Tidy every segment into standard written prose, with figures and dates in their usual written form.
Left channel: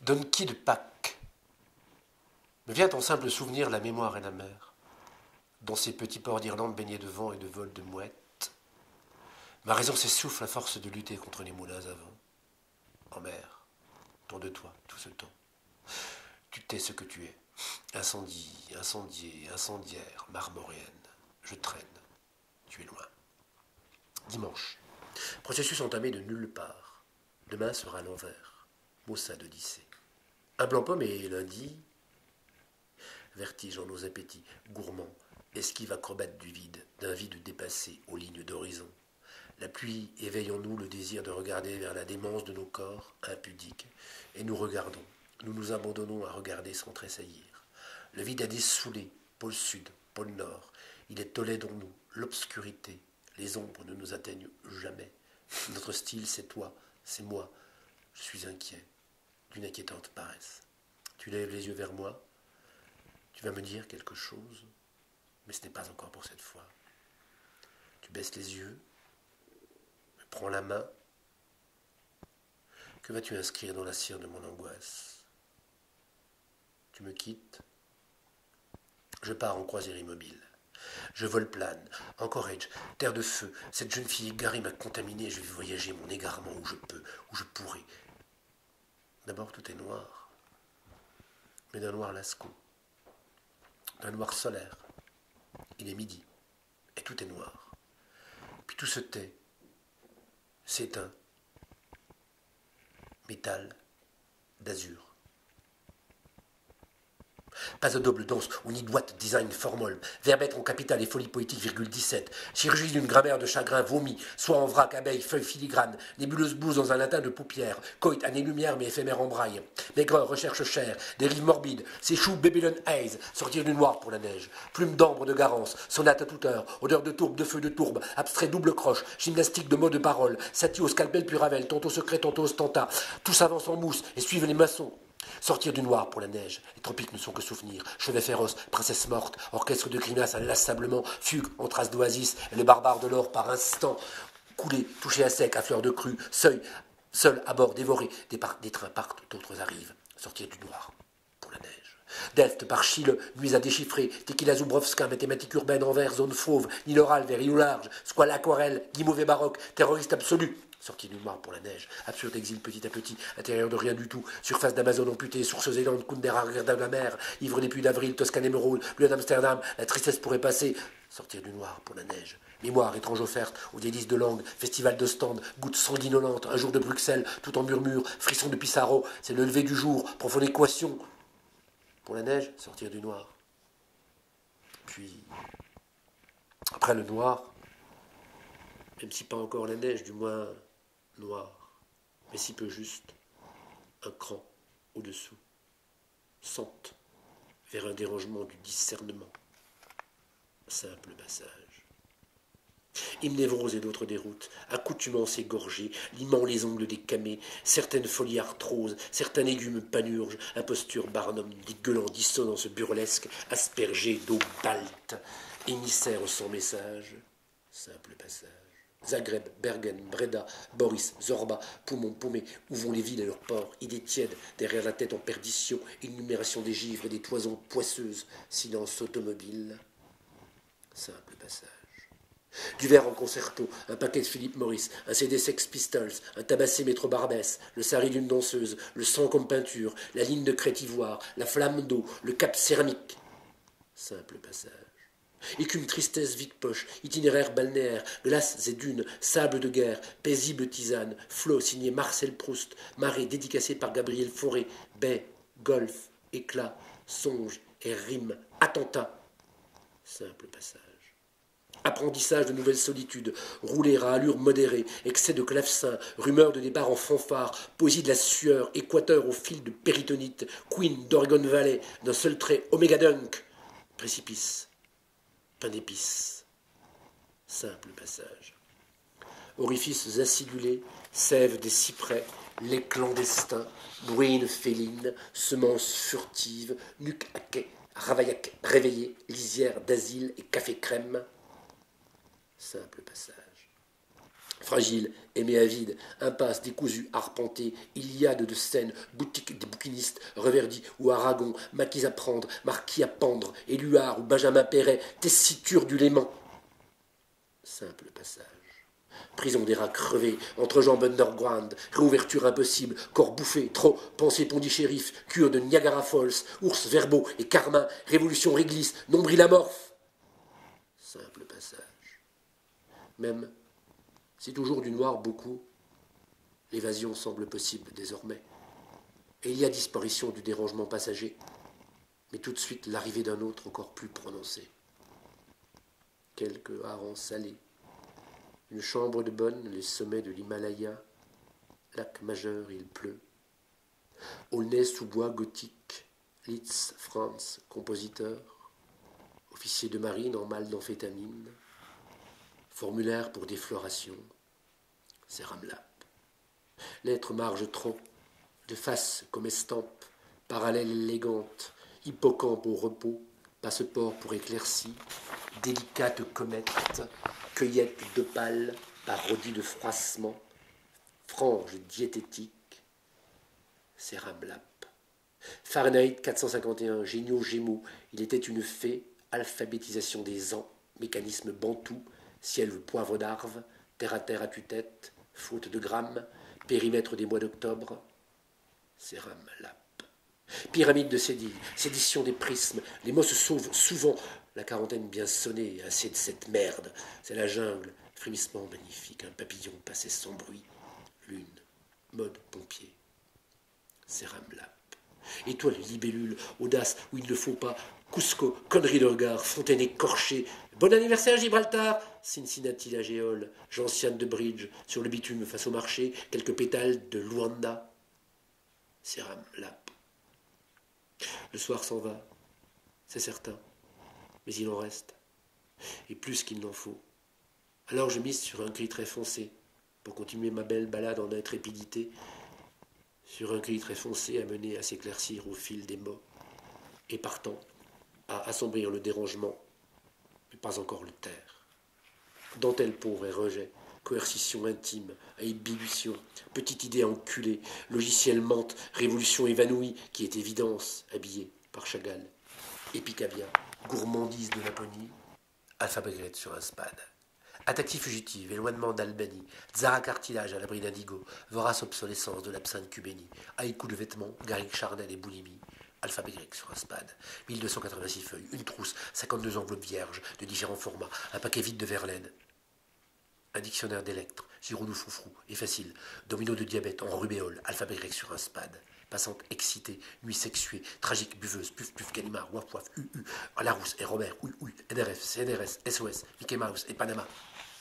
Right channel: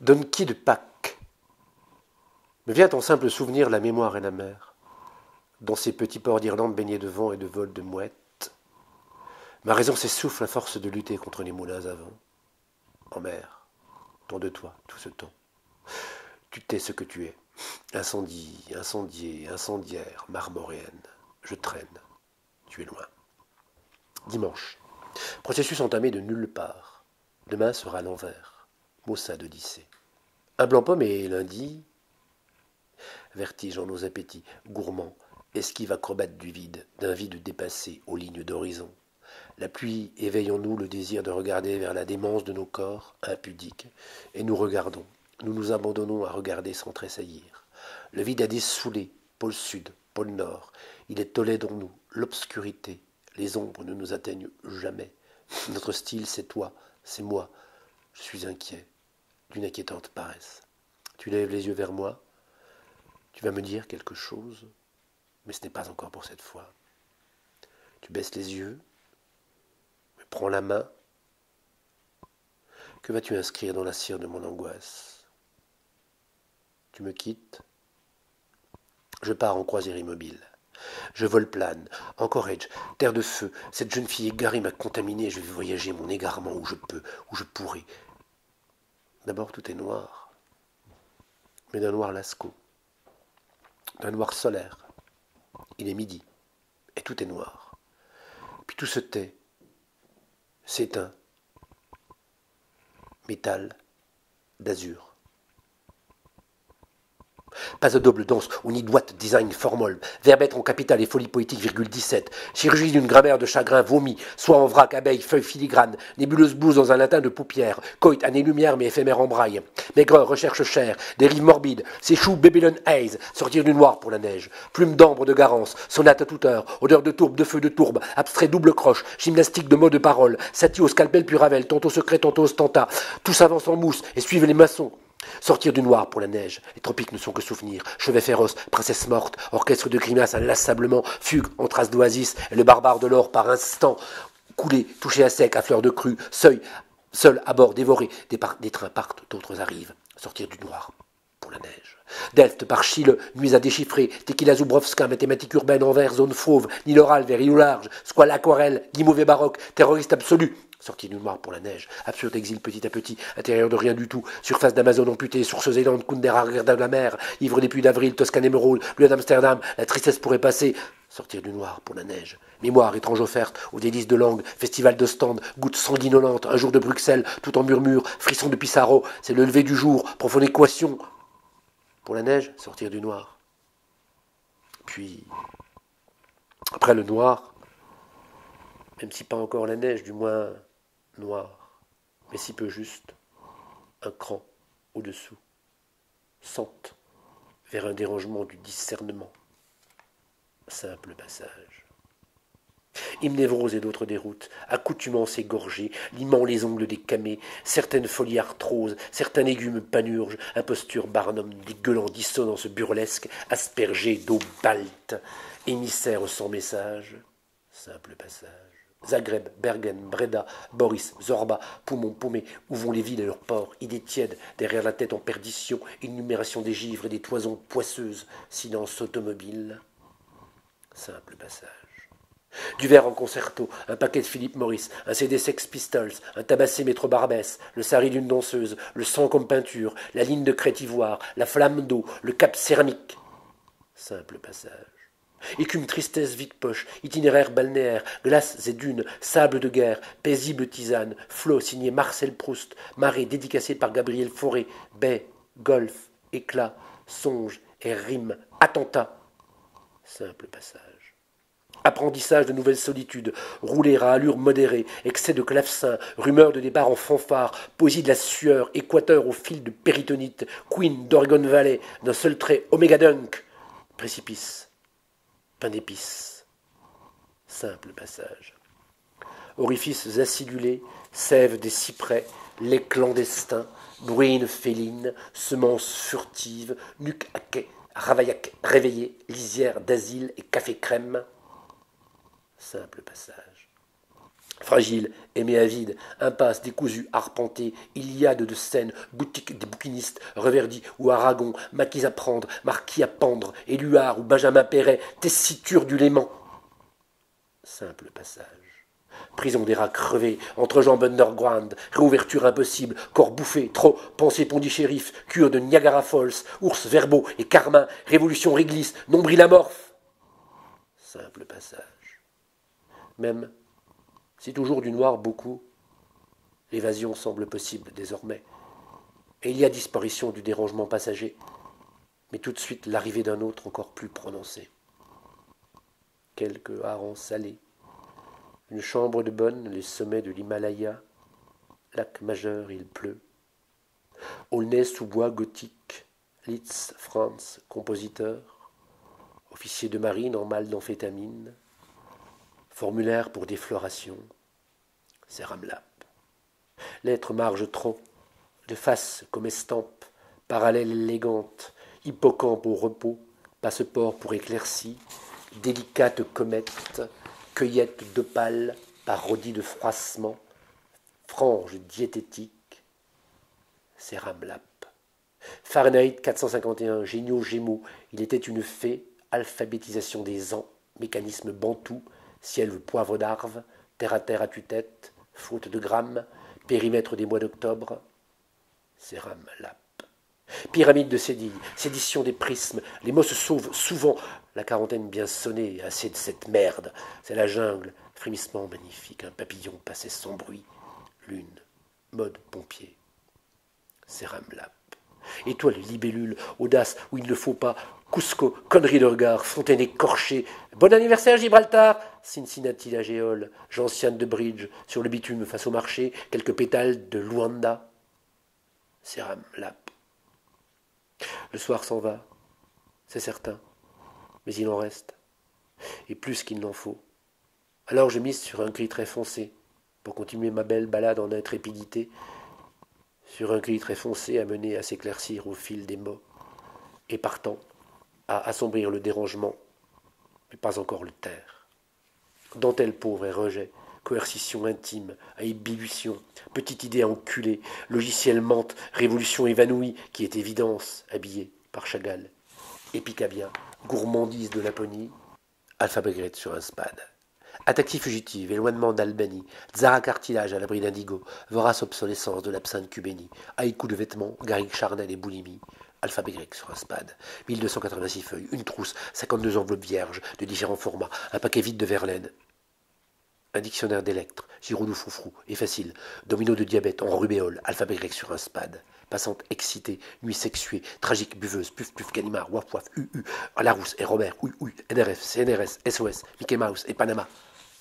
Donkey de Pâques. Me vient en simple souvenir la mémoire et la mer, dans ces petits ports d'Irlande baignés de vent et de vol de mouettes. Ma raison s'essouffle à force de lutter contre les moulins à vent. En mer, tant de toi, tout ce temps. Tu t'es ce que tu es. Incendie, incendié, incendiaire, marmoréenne. Je traîne. Tu es loin. Dimanche. Processus entamé de nulle part. Demain sera l'envers. Maussade d'Odyssée. Un blanc-pomme et lundi. Vertige en nos appétits, gourmands, esquive acrobate du vide, d'un vide dépassé aux lignes d'horizon. La pluie éveille en nous le désir de regarder vers la démence de nos corps, impudiques, et nous regardons. Nous nous abandonnons à regarder sans tressaillir. Le vide a dessoulé, pôle sud, pôle nord. Il est Tolède en nous, l'obscurité. Les ombres ne nous atteignent jamais. Notre style, c'est toi, c'est moi. Je suis inquiet, d'une inquiétante paresse. Tu lèves les yeux vers moi. Tu vas me dire quelque chose, mais ce n'est pas encore pour cette fois. Tu baisses les yeux, me prends la main. Que vas-tu inscrire dans la cire de mon angoisse? Tu me quittes. Je pars en croisière immobile. Je vole plane, Anchorage, terre de feu. Cette jeune fille égarée m'a contaminé. Je vais voyager mon égarement où je peux, où je pourrai. D'abord tout est noir, mais d'un noir lascaux, d'un noir solaire. Il est midi, et tout est noir. Puis tout se tait, s'éteint. Métal, d'azur. Pas de double danse ou ni droite design formol, verbêtre en capital et folie poétique, 17. Chirurgie d'une grammaire de chagrin vomi, soit en vrac, abeille, feuille filigrane, nébuleuse blouse dans un latin de paupières, coït, année-lumière mais éphémère en braille, maigreur, recherche chère, dérive morbide, s'échoue Babylon Haze, sortir du noir pour la neige, plume d'ambre de garance, sonate à toute heure, odeur de tourbe, de feu de tourbe, abstrait double croche, gymnastique de mots de parole, satie au scalpel puis ravel, tantôt secret, tantôt ostentat, tout s'avance en mousse et suivent les maçons. Sortir du noir pour la neige, les tropiques ne sont que souvenirs, chevet féroce, princesse morte, orchestre de grimaces inlassablement, fugue en traces d'oasis, et le barbare de l'or par instant, coulé, touché à sec, à fleur de crue, seuil, seul à bord, dévoré, des trains partent, d'autres arrivent, sortir du noir pour la neige. Delft par Chile, nuits à déchiffrer, Tequila Zubrowska, mathématiques urbaines en vert, zone fauve, Nil oral, vers îlot large, squale aquarelle, dit mauvais baroque, terroriste absolu. Sortie du noir pour la neige, absurde exil petit à petit, intérieur de rien du tout, surface d'Amazon amputée, sources aidantes, Kundera, de la mer, ivre des puits d'avril, Toscane émeraude, bleu d'Amsterdam, la tristesse pourrait passer. Sortir du noir pour la neige. Mémoire étrange offerte, aux délices de langue, festival de stand, goutte sanguinolente, un jour de Bruxelles, tout en murmure, frisson de Pissarro, c'est le lever du jour, profonde équation. Pour la neige, sortir du noir. Puis, après le noir, même si pas encore la neige, du moins noir, mais si peu juste, un cran au-dessous, sente vers un dérangement du discernement. Simple passage. Hymnévrose et d'autres déroutes, accoutumance égorgée, limant les ongles des camées, certaines folies arthroses, certains légumes panurges, imposture Barnum, dégueulant dissonance burlesque, aspergée d'eau balte, émissaire sans message. Simple passage. Zagreb, Bergen, Breda, Boris, Zorba, Poumon, Paumé, où vont les villes et leurs ports, idées tièdes, derrière la tête en perdition, énumération des givres et des toisons poisseuses, silence automobile. Simple passage. Du verre en concerto, un paquet de Philip Morris, un CD Sex Pistols, un tabassé Métro Barbès, le sari d'une danseuse, le sang comme peinture, la ligne de crête ivoire, la flamme d'eau, le cap céramique. Simple passage. Écume, tristesse, vide-poche, itinéraire balnéaire, glaces et dunes, sable de guerre, paisible tisane, flot signé Marcel Proust, marée dédicacée par Gabriel Fauré, baie, golf, éclat, songe et rime, attentat. Simple passage. Apprentissage de nouvelles solitudes, rouler à allure modérée, excès de clavecin, rumeur de départ en fanfare, poésie de la sueur, équateur au fil de péritonite, Queen d'Oregon Valley, d'un seul trait, Omega Dunk, précipice. Pain d'épices. Simple passage. Orifices acidulés, sève des cyprès, lait clandestin, bruine féline, semences furtives, nuque à quai, ravaillac réveillé, lisière d'asile et café crème. Simple passage. Fragile, aimé avide, impasse décousue, arpentée, Iliade de scène, boutique des bouquinistes, Reverdy ou Aragon, maquis à prendre, marquis à pendre, Éluard ou Benjamin Perret, tessiture du Léman. Simple passage. Prison des rats crevés, entrejambe underground, réouverture impossible, corps bouffé, trop, pensée Pondichéry, cure de Niagara Falls, ours verbaux et carmin, révolution réglisse, nombril amorphe. Simple passage. Même si toujours du noir beaucoup, l'évasion semble possible désormais, et il y a disparition du dérangement passager, mais tout de suite l'arrivée d'un autre encore plus prononcé. Quelques harengs salés, une chambre de bonne, les sommets de l'Himalaya, lac majeur, il pleut. Aulnay sous bois gothique, Litz, Franz, compositeur, officier de marine en mal d'amphétamine, formulaire pour défloration, c'est Ramlap. Lettre marge tronc, de face comme estampe, parallèle élégante, hippocampe au repos, passeport pour éclaircie, délicate comète, cueillette d'opale, parodie de froissement, frange diététique, c'est Ramlap. Fahrenheit 451, géniaux Gémeaux, il était une fée, alphabétisation des ans, mécanisme bantou, ciel poivre d'Arve, terre à tue-tête, faute de grammes, périmètre des mois d'octobre, c'est Ramlap. Pyramide de Sédille, sédition des prismes, les mots se sauvent souvent, la quarantaine bien sonnée, assez de cette merde, c'est la jungle, frémissement magnifique, un papillon passait sans bruit, lune, mode pompier, c'est Ramlap. Étoile libellule, audace où il ne faut pas, Cusco, connerie de regard, fontaine écorchée, bon anniversaire Gibraltar, Cincinnati la géole, gentiane de bridge, sur le bitume face au marché, quelques pétales de Luanda, c'est Ramlap. Le soir s'en va, c'est certain, mais il en reste, et plus qu'il n'en faut. Alors je mise sur un gris très foncé, pour continuer ma belle balade en intrépidité, sur un gris très foncé amené à s'éclaircir au fil des mots, et partant, à assombrir le dérangement, mais pas encore le taire. Dentelle pauvre et rejet, coercition intime, à ébullition, petite idée enculée, logiciel mente, révolution évanouie, qui est évidence, habillée par Chagall. Épicabia, gourmandise de Laponie, alphabet grec sur un spade. Attaque fugitive, éloignement d'Albanie, Zara cartilage à l'abri d'indigo, vorace obsolescence de l'absinthe cubénie, haïku de vêtements, garrigue charnel et boulimie, alphabet grec sur un spade, 1286 feuilles, une trousse, 52 enveloppes vierges de différents formats, un paquet vide de Verlaine, un dictionnaire d'électres, Giroudou Froufrou, et facile, domino de diabète en rubéole, alphabet grec sur un spade, passante excitée, nuit sexuée, tragique buveuse, puf puf Ganimard, waf waf, Larousse et Robert, NRF, CNRS, SOS, Mickey Mouse et Panama,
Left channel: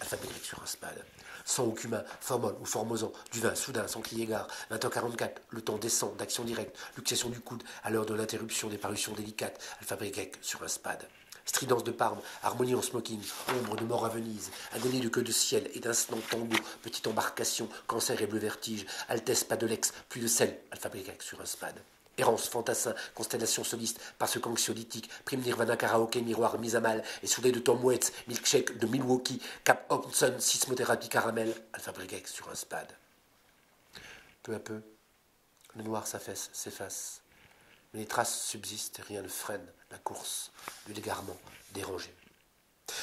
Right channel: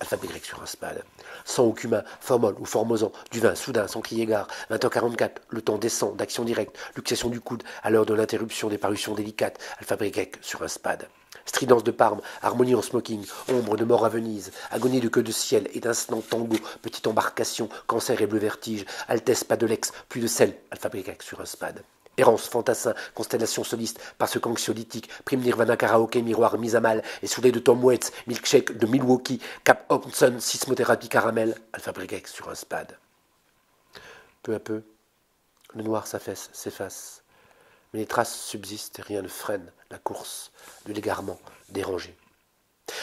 alphabet grec sur un spade. Sang au cumin, formol ou formosan, du vin, soudain, sans crier gare, 20h44, le temps descend, d'action directe, luxation du coude, à l'heure de l'interruption des parutions délicates, alphabet grec sur un spade. Stridence de Parme, harmonie en smoking, ombre de mort à Venise, agonie de queue de ciel, étincelant tango, petite embarcation, cancer et bleu vertige, altesse pas de l'ex, plus de sel, alphabet grec sur un spade. Errance, fantassin, constellation soliste, parce qu'anxiolytique, prime nirvana karaoké, miroir mis à mal, et soudé de Tom Waits, milkshake de Milwaukee, Cap Hobson, sismothérapie caramel, alphabet grec sur un spade. Peu à peu, le noir s'efface, mais les traces subsistent et rien ne freine la course de l'égarement dérangé.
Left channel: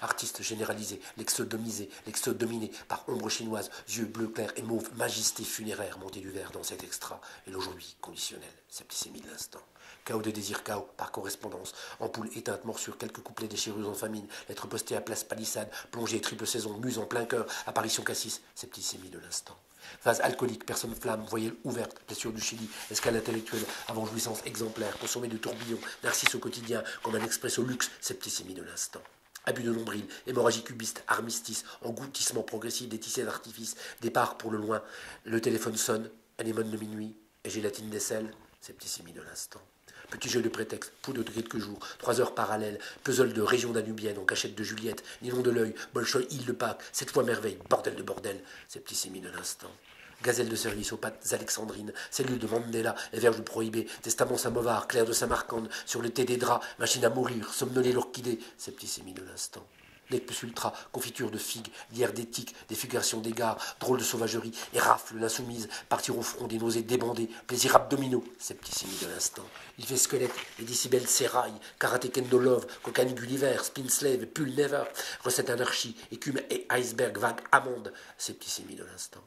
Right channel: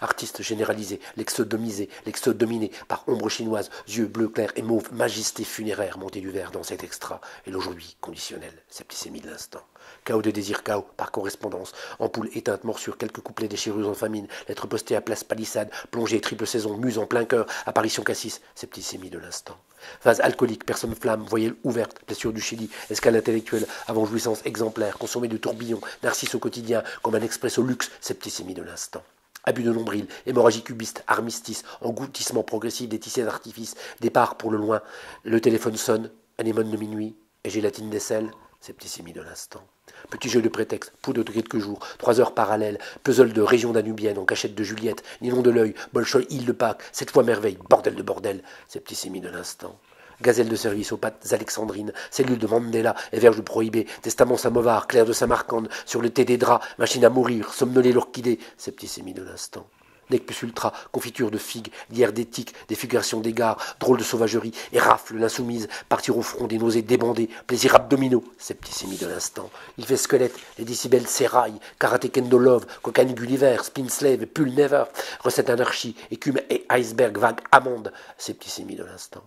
Artiste généralisé, l'exodomisé, l'exodominé, par ombre chinoise, yeux bleus clairs et mauve, majesté funéraire, montée du verre dans cet extra, et l'aujourd'hui conditionnel, septicémie de l'instant. Chaos de désir, chaos, par correspondance, ampoule éteinte, morsure, quelques couplets déchirures en famine, lettres postées à place palissade, plongée, triple saison, muse en plein cœur, apparition cassis, septicémie de l'instant. Phase alcoolique, personne flamme, voyelle ouverte, blessure du Chili, escale intellectuelle, avant jouissance exemplaire, consommée de tourbillon, narcisse au quotidien, comme un expresso luxe, septicémie de l'instant. Abus de nombril, hémorragie cubiste, armistice, engloutissement progressif des tissés d'artifice, départ pour le loin, le téléphone sonne, anémone de minuit, et gélatine d'aisselle, septicémie de l'instant. Petit jeu de prétexte, poudre de quelques jours, 3 heures parallèles, puzzle de région danubienne en cachette de Juliette, nylon de l'œil, Bolchoï, île de Pâques, 7 fois merveille, bordel de bordel, septicémie de l'instant. Gazelle de service aux pattes alexandrines, cellule de Mandela et verge prohibé, testament samovar, clair de Samarcande, sur le thé des draps, machine à mourir, somnolé l'orchidée, septicémie de l'instant. Nec plus ultra, confiture de figues, lierre d'éthique, défiguration d'égards, drôle de sauvagerie, et rafle l'insoumise, partir au front des nausées débandées, plaisirs abdominaux, septicémie de l'instant. Il fait squelette, les décibels s'éraillent, karaté kendo love, cocaïne Gulliver, spin slave, pull never, recette anarchie, écume et iceberg vague amande, septicémie de l'instant.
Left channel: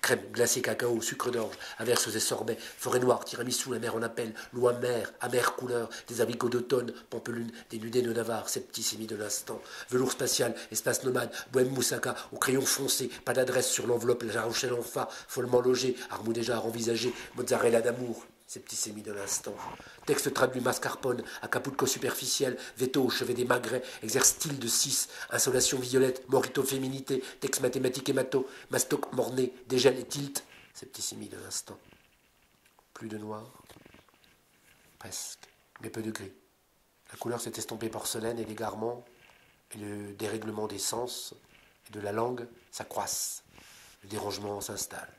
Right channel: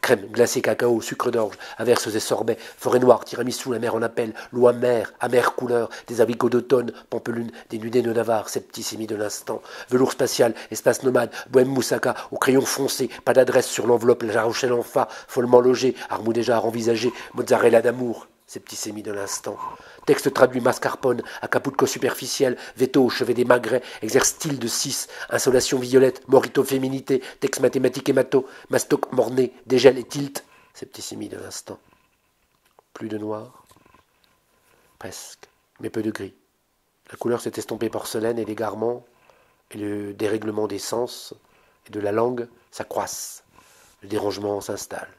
Crème, glacé, cacao, sucre d'orge, averses et sorbets, forêt noire, tiramisu, la mer en appel, l'eau amère, amère couleur, des abricots d'automne, pampelune, des nudés de Navarre, septicémie de l'instant, velours spatial, espace nomade, bohème moussaka, au crayon foncé, pas d'adresse sur l'enveloppe, la Rochelle en fa, follement logé, Armou déjà envisagé, mozzarella d'amour, septicémie de l'instant. Texte traduit mascarpone, acapulco superficiel, veto au chevet des magrets, exerce style de 6, insolation violette, morito féminité, texte mathématique hémato, mastoc morné, dégel et tilt, septicémie de l'instant. Plus de noir, presque, mais peu de gris. La couleur s'est estompée porcelaine et l'égarement et le dérèglement des sens et de la langue s'accroissent. Le dérangement s'installe.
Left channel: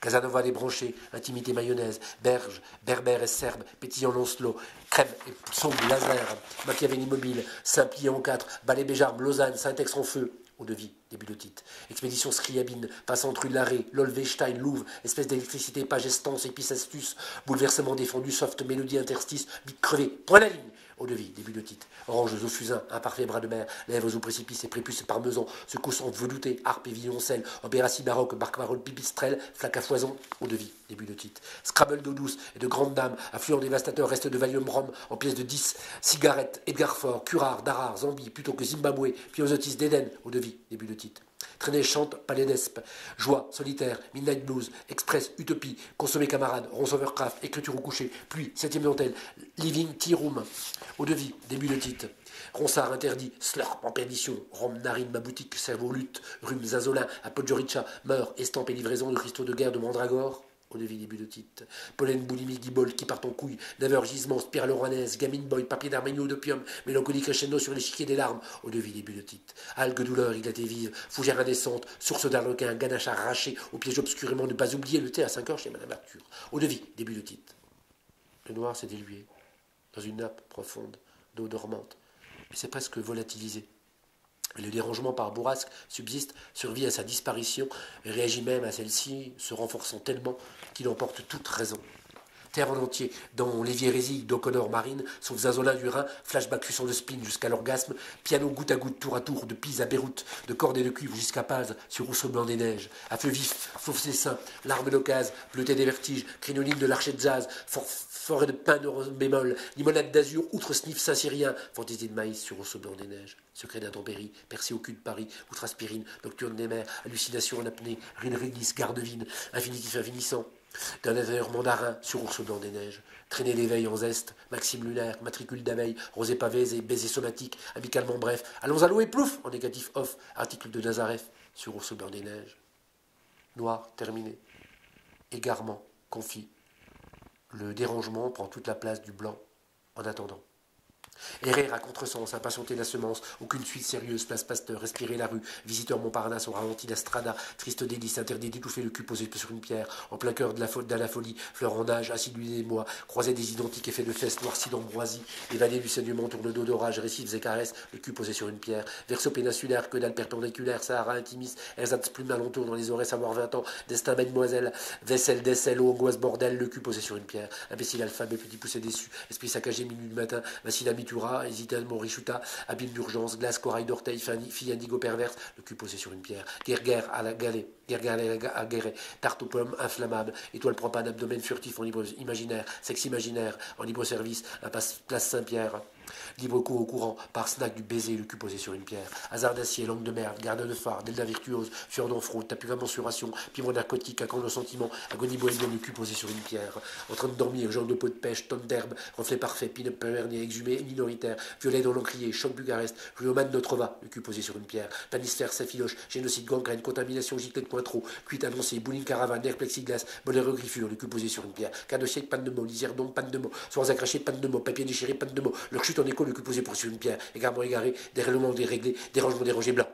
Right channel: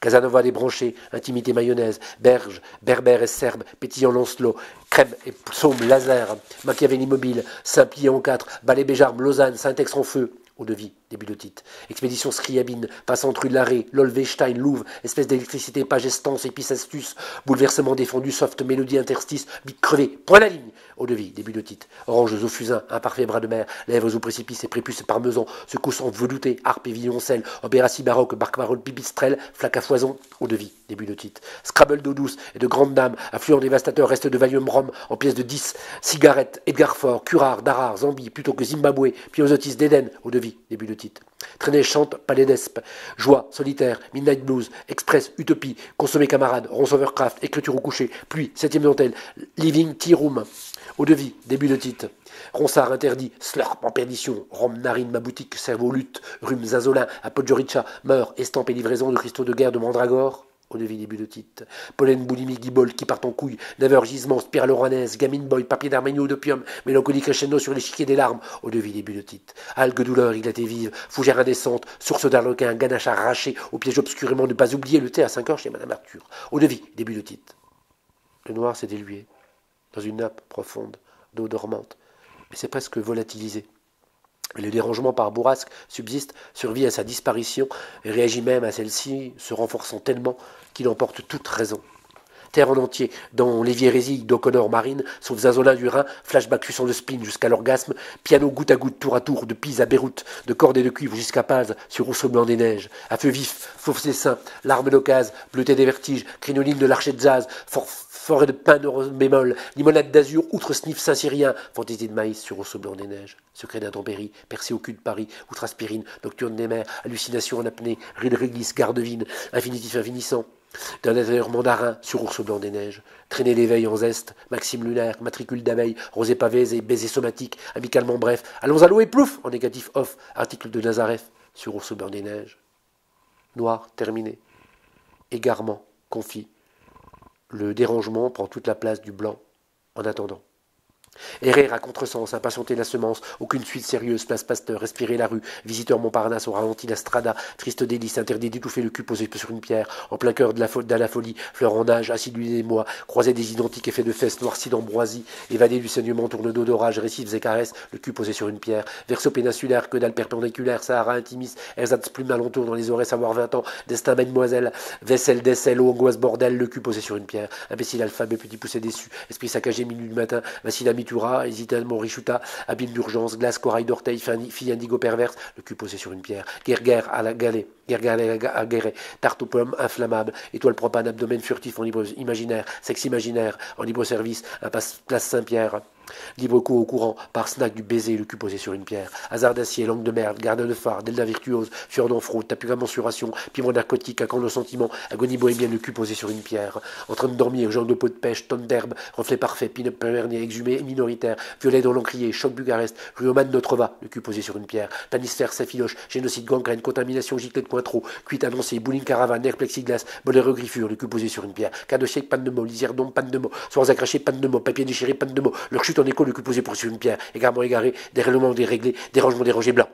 Casanova débranché, intimité mayonnaise, berge, berbère et serbe, pétillant Lancelot, crème et psaume laser, Machiavel immobile, Saint-Plié en 4, Ballet Béjarbe, Lausanne, Saint-Ex en feu, eau-de-vie, début de titre. Expédition Scriabine, passant rue de l'Arrêt, Lolvestein, Louvre, espèce d'électricité, page estance, épice astuce, bouleversement défendu, soft mélodie interstice, bite crevée, point la ligne. Eau-de-vie, début de titre. Oranges au fusain, imparfait bras de mer, lèvres au précipice et prépuce parmesan, secousses en velouté, harpe et violoncelle, opératie baroque, barque-parole, pipistrelle, flaque à foison, eau-de-vie, début de titre. Scrabble d'eau douce et de grandes dames, affluent dévastateur, reste de Valium Rhum, en pièces de 10, cigarettes, Edgar Faure, Curare, Darar, Zambie, plutôt que Zimbabwe, Piosotis d'Éden, eau-de-vie, début de titre. Traîner, chante, palais d'Espe, joie, solitaire, midnight blues, express, utopie, consommer camarade, ronce overcraft, écriture au coucher, pluie, septième dentelle, living tea room, eau-de-vie, début de titre. Ronsard interdit, slurp en perdition, rhum, narine, ma boutique, cerveau, lutte, rhume, zazolin, apodjoricha, meurt, estampe et livraison de cristaux de guerre de mandragore, eau-de-vie, début de titre. Pollen, boulimie, guibole, qui part en couille, never, gisement, spirale oranaise, gamine boy, papier d'arménio, d'opium, mélancolie crescendo sur l'échiquier des larmes, eau-de-vie, début de titre. Algues douleur, éclatée vive, fougère indécente, source d'arlequin, ganache arraché, au piège obscurément, ne pas oublier le thé à 5 heures chez Madame Arthur. Eau-de-vie, début de titre. Le noir s'est dilué dans une nappe profonde d'eau dormante, mais c'est presque volatilisé. Et le dérangement par bourrasque subsiste, survit à sa disparition, et réagit même à celle-ci, se renforçant tellement qu'il emporte toute raison. Terre en entier, dans l'éviérésie d'O'Connor Marine, sauf Zazolin du Rhin, flashback suçant le spleen jusqu'à l'orgasme, piano goutte à goutte, tour à tour, de Pise à Beyrouth, de cordes et de cuivre jusqu'à Paz, sur Rousseau blanc des neiges, à feu vif, fauve ses seins, larmes d'occasion, bleuté des vertiges, crinoline de l'archet de Zaz, forêt de pin de bémol, limonade d'azur, outre sniff saint-syrien, fantaisie de maïs sur Rousseau blanc des neiges, secret d'intempérie, percé au cul de Paris, outre aspirine, nocturne des mers, hallucination en apnée, ride réglisse, garde-vine, infinitif infinissant, d'un intérieur mandarin sur ours blanc des neiges, traîner l'éveil en zeste, maxime lunaire, matricule d'abeille, rosé pavé et baiser somatique, amicalement bref, allons à l'eau et plouf, en négatif off, article de Nazareth, sur ours blanc des neiges. Noir, terminé. Égarement, confit. Le dérangement prend toute la place du blanc, en attendant. Errer à contresens, impatienter la semence, aucune suite sérieuse, place Pasteur, respirer la rue, visiteur Montparnasse au ralenti la strada, triste délice, interdit d'étouffer le cul posé sur une pierre, en plein cœur de la folie, fleur en âge, assidu des mois, croisé des identiques effets de fesses, noirci d'ambroisie, évadé du saignement, tourne d'eau d'orage, récifs et caresses, le cul posé sur une pierre, verso péninsulaire, que dalle perpendiculaire, Sahara intimis, ersatz plume alentour dans les oreilles, savoir 20 ans, destin mademoiselle, vaisselle, décelle, angoisse bordel, le cul posé sur une pierre, imbécile alphabet, petit poussé déçu, esprit saccagé, minuit du matin, vacille Mitura, hésitement Richuta, abîme d'urgence, glace, corail d'orteil, fille indigo perverse, le cul posé sur une pierre, guerre à la galée, guerre à guéret, tarte aux pommes inflammable, étoile propane, abdomen furtif en libre imaginaire, sexe imaginaire, en libre service, impasse place Saint-Pierre. Libre cours au courant, par snack du baiser, le cul posé sur une pierre. Hasard d'acier, langue de merde, garde de phare, delta virtuose, sueur d'enfraude, tapis à mensuration, piment narcotique, accent de sentiment, agonie bohémienne, le cul posé sur une pierre. En train de dormir, genre de peau de pêche, tonne d'herbe, reflet parfait, pin-up pervernier, exhumé, minoritaire, violet dans l'encrier, choc Bucarest, Ruoman Notre-Va, le cul posé sur une pierre. Tanisfer, Safiloche, génocide, gangrène, contamination, giclée de Cointreau, cuite annoncée, bowling caravane, nerf plexiglas, bolero griffure, le cul posé sur une pierre. Quart de siècle, panne de mots, lisière d'ombre, panne de mots, soirs à cracher, panne de mots, papier déchiré, panne de mots, leur chute en écho, le cul posé sur une pierre, égarement égaré, dérèglement déréglé, dérangement dérangé blanc.